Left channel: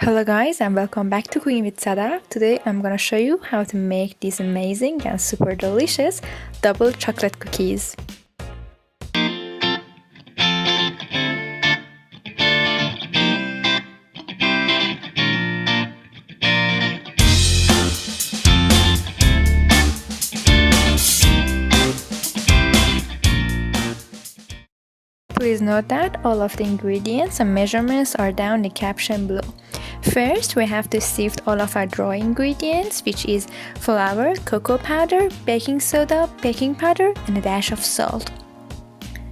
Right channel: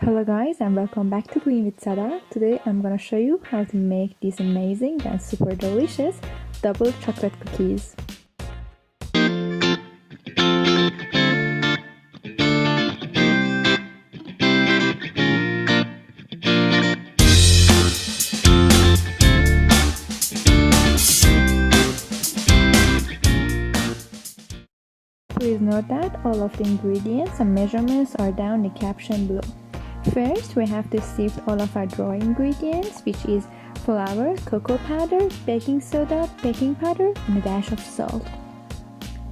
Hello guys and welcome back to Cooking with Sada. Today I'm gonna show you how to make these amazing and super delicious double chocolate cookies. Please note that all of the ingredients and measurements are down in the caption below. First, we have to sift all of our dry ingredients, which is flour, cocoa powder, baking soda, baking powder, and a dash of salt.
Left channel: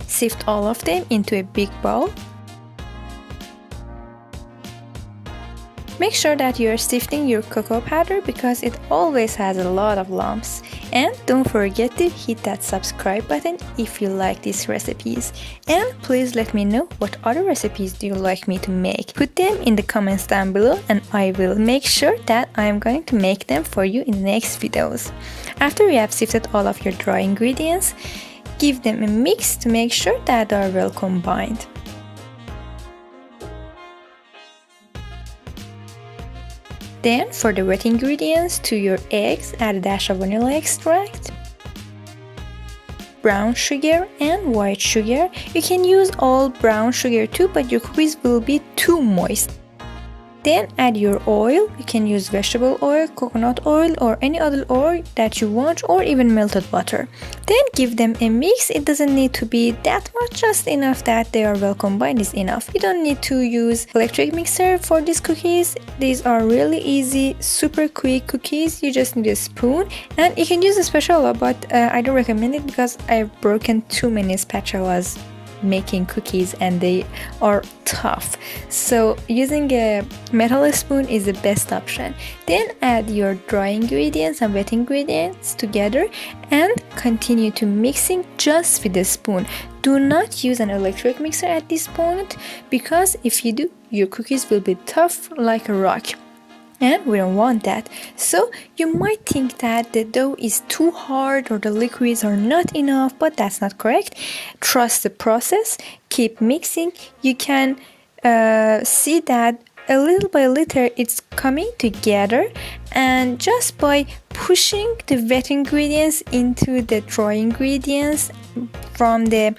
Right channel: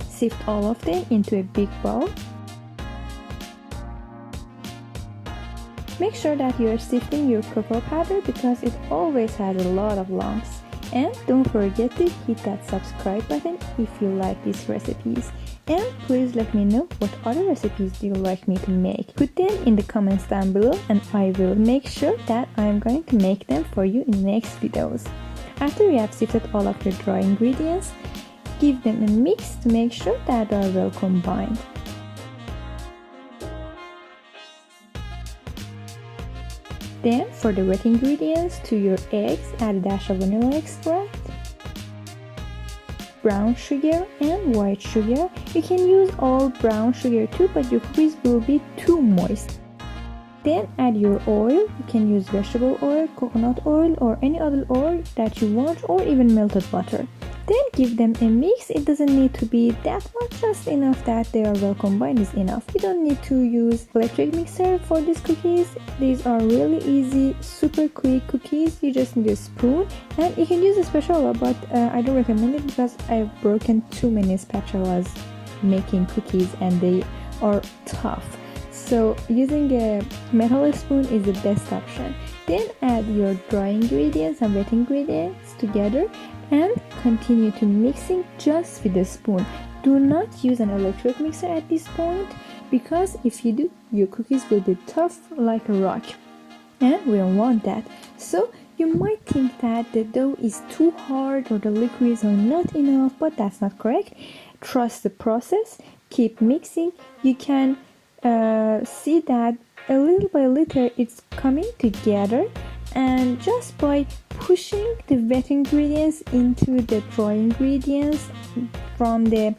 Sift all of them into a big bowl. Make sure that you are sifting your cocoa powder because it always has a lot of lumps. And don't forget to hit that subscribe button if you like these recipes. And please let me know what other recipes do you like me to make. Put them in the comments down below and I will make sure that I am going to make them for you in the next videos. After you have sifted all of your dry ingredients, give them a mix to make sure that they are well combined. Then for the wet ingredients, to your eggs add a dash of vanilla extract, brown sugar and white sugar. You can use all brown sugar too, but your cookies will be too moist. Then add your oil. You can use vegetable oil, coconut oil or any other oil that you want, or even melted butter. Then give them a mix. It doesn't need to be that much, just enough that they are well combined is enough. You don't need to use electric mixer for these cookies. These are really easy, super quick cookies. You just need a spoon and you can use a spatula, but I don't recommend it because I've broken too many spatulas making cookies and they are tough, so using a metal spoon is the best option. Then add your dry ingredients and wet ingredients together and continue to mixing just with the spoon. Do not use an electric mixer at this point because if you do, your cookies will be tough like a rock. And we don't want that. So you might think that the dough is too hard or the liquids are not enough, but that's not correct. Trust the process, keep mixing. You can see that a little by little it's coming together, and just by pushing the wet ingredients into the dry ingredients from the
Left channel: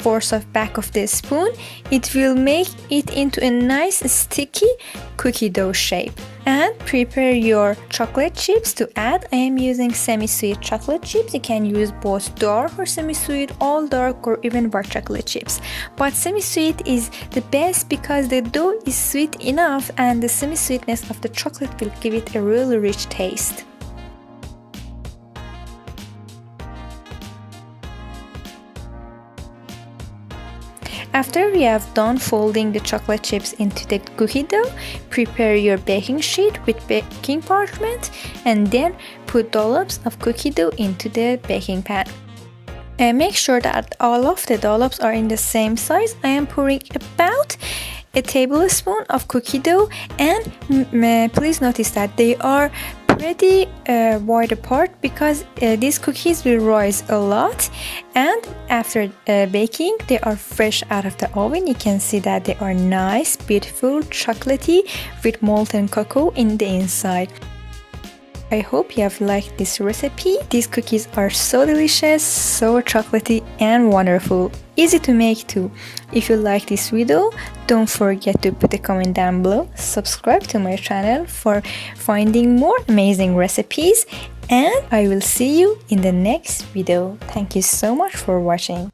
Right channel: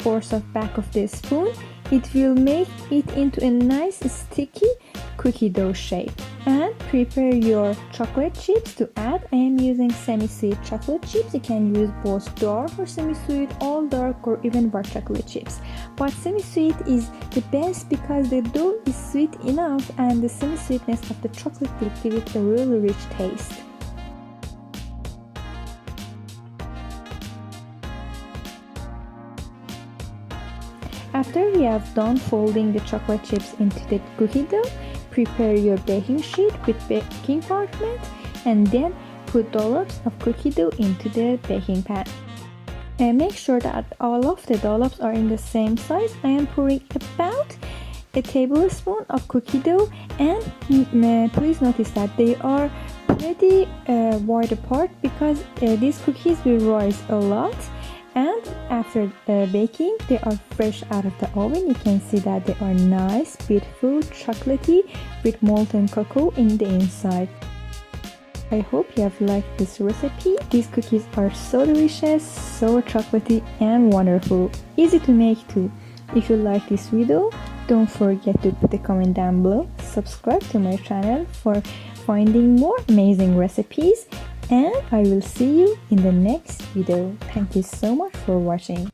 force of back of the spoon, it will make it into a nice sticky cookie dough shape. And prepare your chocolate chips to add. I am using semi-sweet chocolate chips. You can use both dark or semi-sweet, all dark or even white chocolate chips, but semi-sweet is the best because the dough is sweet enough and the semi-sweetness of the chocolate will give it a really rich taste. After you have done folding the chocolate chips into the cookie dough, prepare your baking sheet with baking parchment and then put dollops of cookie dough into the baking pan. And make sure that all of the dollops are in the same size. I am pouring about a tablespoon of cookie dough, and please notice that they are pretty wide apart because these cookies will rise a lot, and after baking they are fresh out of the oven. You can see that they are nice, beautiful, chocolatey with molten cocoa in the inside. I hope you have liked this recipe. These cookies are so delicious, so chocolatey and wonderful. Easy to make too. If you like this video, don't forget to put a comment down below. Subscribe to my channel for finding more amazing recipes, and I will see you in the next video. Thank you so much for watching.